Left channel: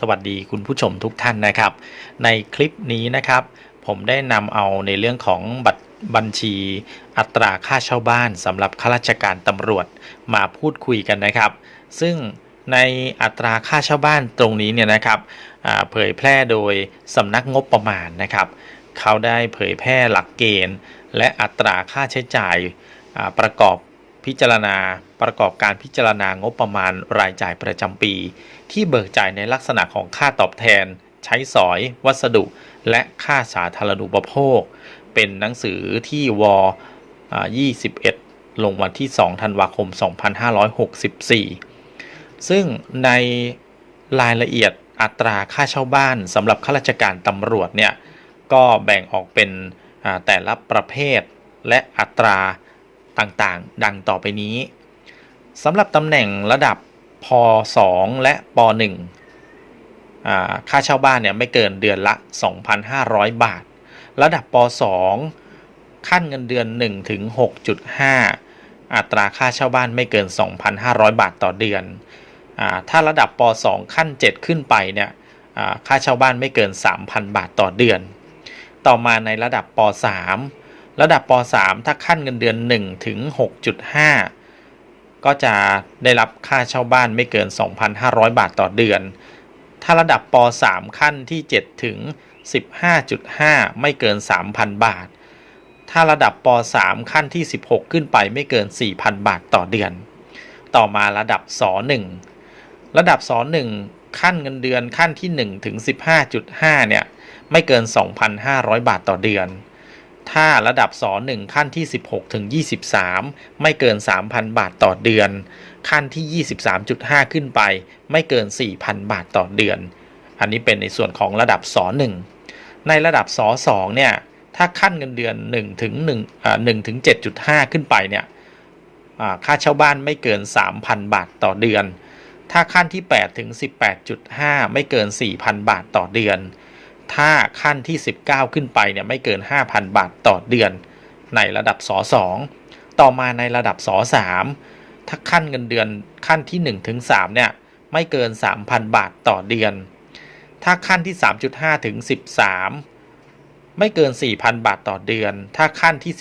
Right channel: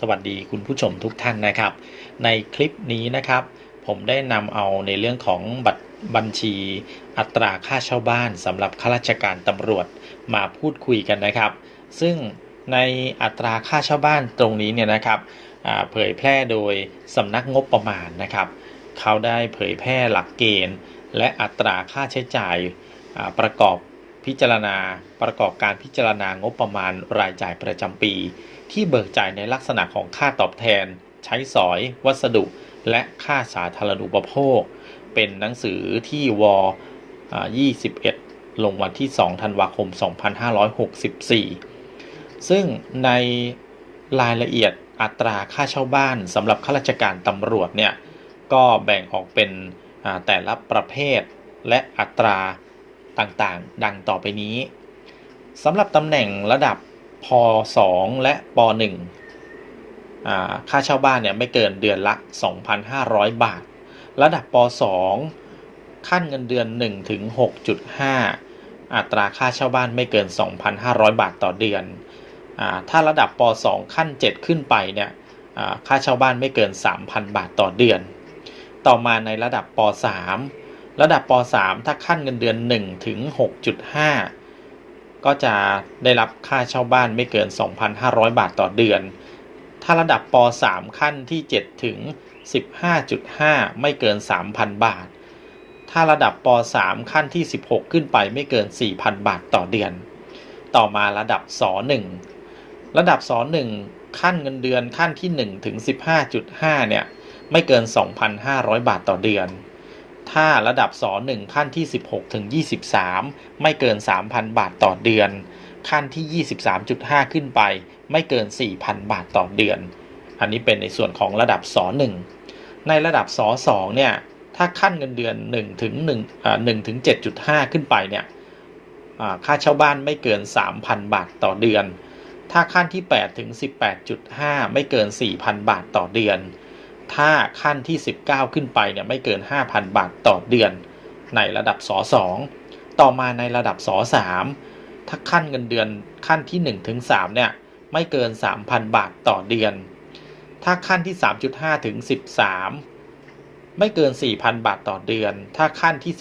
สวัสดีคุณผู้ชมทุกท่านนะครับ ในคลิปนี้นะครับ ผมได้นำเอาในเรื่องของบัตรบัญชีอัตราค่าเช่าบ้านสำหรับข้าราชการตำรวจมาพูดคุยกันนะครับ ซึ่งในอัตราค่าเช่าบ้านตรงนี้เนี่ยนะครับเผยแพร่โดยสำนักงบประมาณนะครับ เขาได้เผยแพร่หลักเกณฑ์ และอัตราค่าใช้จ่ายประกอบ พิจารณาประกอบการพิจารณางบประมาณรายจ่ายประจำปี ที่เบิกจ่ายในลักษณะของค่าตอบแทน ใช้สอย วัสดุ และค่าสาธารณูปโภค เป็นหนังสือที่ว21 ลงวันที่ 2 ธันวาคม 2564 ซึ่งในรายละเอียดอัตราค่าเช่าบ้านสำหรับข้าราชการตำรวจเนี่ยก็แบ่งออกเป็นแต่ละประเภทและอัตรา ต่างๆ ดังต่อไปนี้สำหรับตำแหน่งระดับพ2และป1ค่าเช่าบ้านเนี่ยไม่เกินเดือนละ 2,500 บาท ระดับป2ขั้นเงินเดือน1ถึง6.5 อัตราค่าเช่าบ้านไม่เกิน 2,500 บาทต่อเดือนอถ้าระดับป2ขั้น 7 ขึ้นไปเนี่ยค่าเช่าบ้านไม่เกิน 3,000 บาทต่อเดือน ต่อมาในระดับป3 ระดับป 3 ถ้าขั้นเงินเดือน1ถึง6.5 ก็จะได้รับค่าเช่าบ้านไม่เกิน 2,500 บาทต่อเดือน ถ้าระดับป 3 ขั้นที่ 7 ถึง 15.5 ไม่เกิน 3,000 บาท ถ้าระดับป 3 ขั้นที่ 16 ขึ้นไปไม่เกิน 4,000 บาทต่อเดือน ต่อมาระดับส 1 ระดับส 1 ขั้นเงินเดือนขั้นที่ 1 ถึง 15.5 เนี่ย ไม่เกิน 2,500 บาทต่อเดือน ถ้าระดับส1ขั้นที่ 16 ถึง 23 ไม่เกิน 3,000 บาทต่อเดือน ขั้นที่ 23.5 ขึ้นไป ไม่เกิน 4,000 บาทต่อเดือน อันนี้เป็นในส่วนของระดับส1ในระดับส2เนี่ย ถ้าขั้นเงินเดือน1ถึง1อ่า1ถึง 7.5 ขึ้นไปเนี่ยค่าเช่าบ้านไม่เกิน 3,000 บาทต่อเดือน ถ้าขั้นที่ 8 ถึง 18.5 ไม่เกิน 4,000 บาทต่อเดือน ถ้าขั้นที่ 19 ขึ้นไปเนี่ยไม่เกิน 5,000 บาทต่อเดือนในระดับส2ต่อมาในระดับส3ถ้าขั้นเงินเดือนขั้นที่1ถึง3เนี่ยไม่เกิน 3,000 บาทต่อเดือน ถ้าขั้นที่ 3.5 ถึง 13 ไม่เกิน 4,000 บาทต่อเดือน ถ้าขั้นที่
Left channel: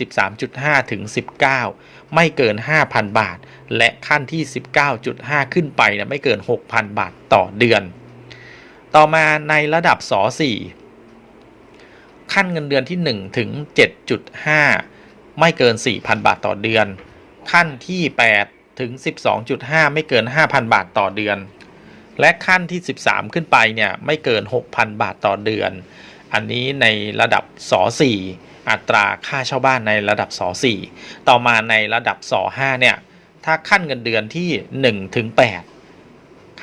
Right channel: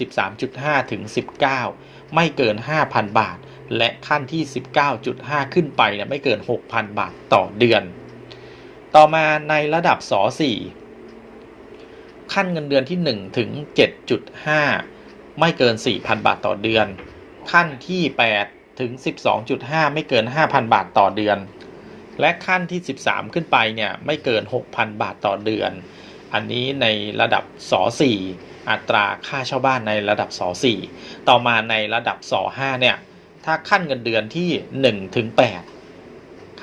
13.5 ถึง 19 ไม่เกิน 5,000 บาท และขั้นที่ 19.5 ขึ้นไปเนี่ยไม่เกิน 6,000 บาทต่อเดือน ต่อมาในระดับส4ขั้นเงินเดือนที่ 1 ถึง 7.5 ไม่เกิน 4,000 บาทต่อเดือน ขั้นที่ 8 ถึง 12.5 ไม่เกิน 5,000 บาทต่อเดือน และขั้นที่ 13 ขึ้นไปเนี่ยไม่เกิน 6,000 บาทต่อเดือน อันนี้ในระดับส4อัตราค่าเช่าบ้านในระดับส4ต่อมาในระดับส5เนี่ยถ้าขั้นเงินเดือนที่1ถึง8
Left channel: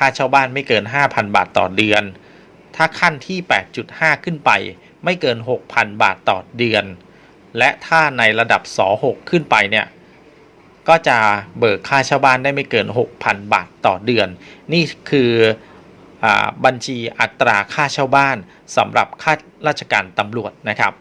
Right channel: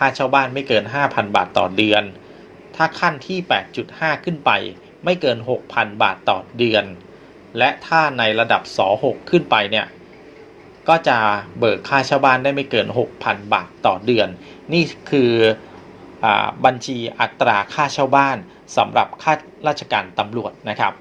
ค่าเช่าบ้านไม่เกิน 5,000 บาทต่อเดือน ถ้าขั้นที่ 8.5 ขึ้นไป ไม่เกิน 6,000 บาทต่อเดือน และถ้าในระดับส6ขึ้นไปเนี่ยก็จะเบิกค่าเช่าบ้านได้ไม่เกิน 6,000 บาทต่อเดือน นี่คืออบัญชีอัตราค่าเช่าบ้านสำหรับข้าราชการตำรวจนะครับ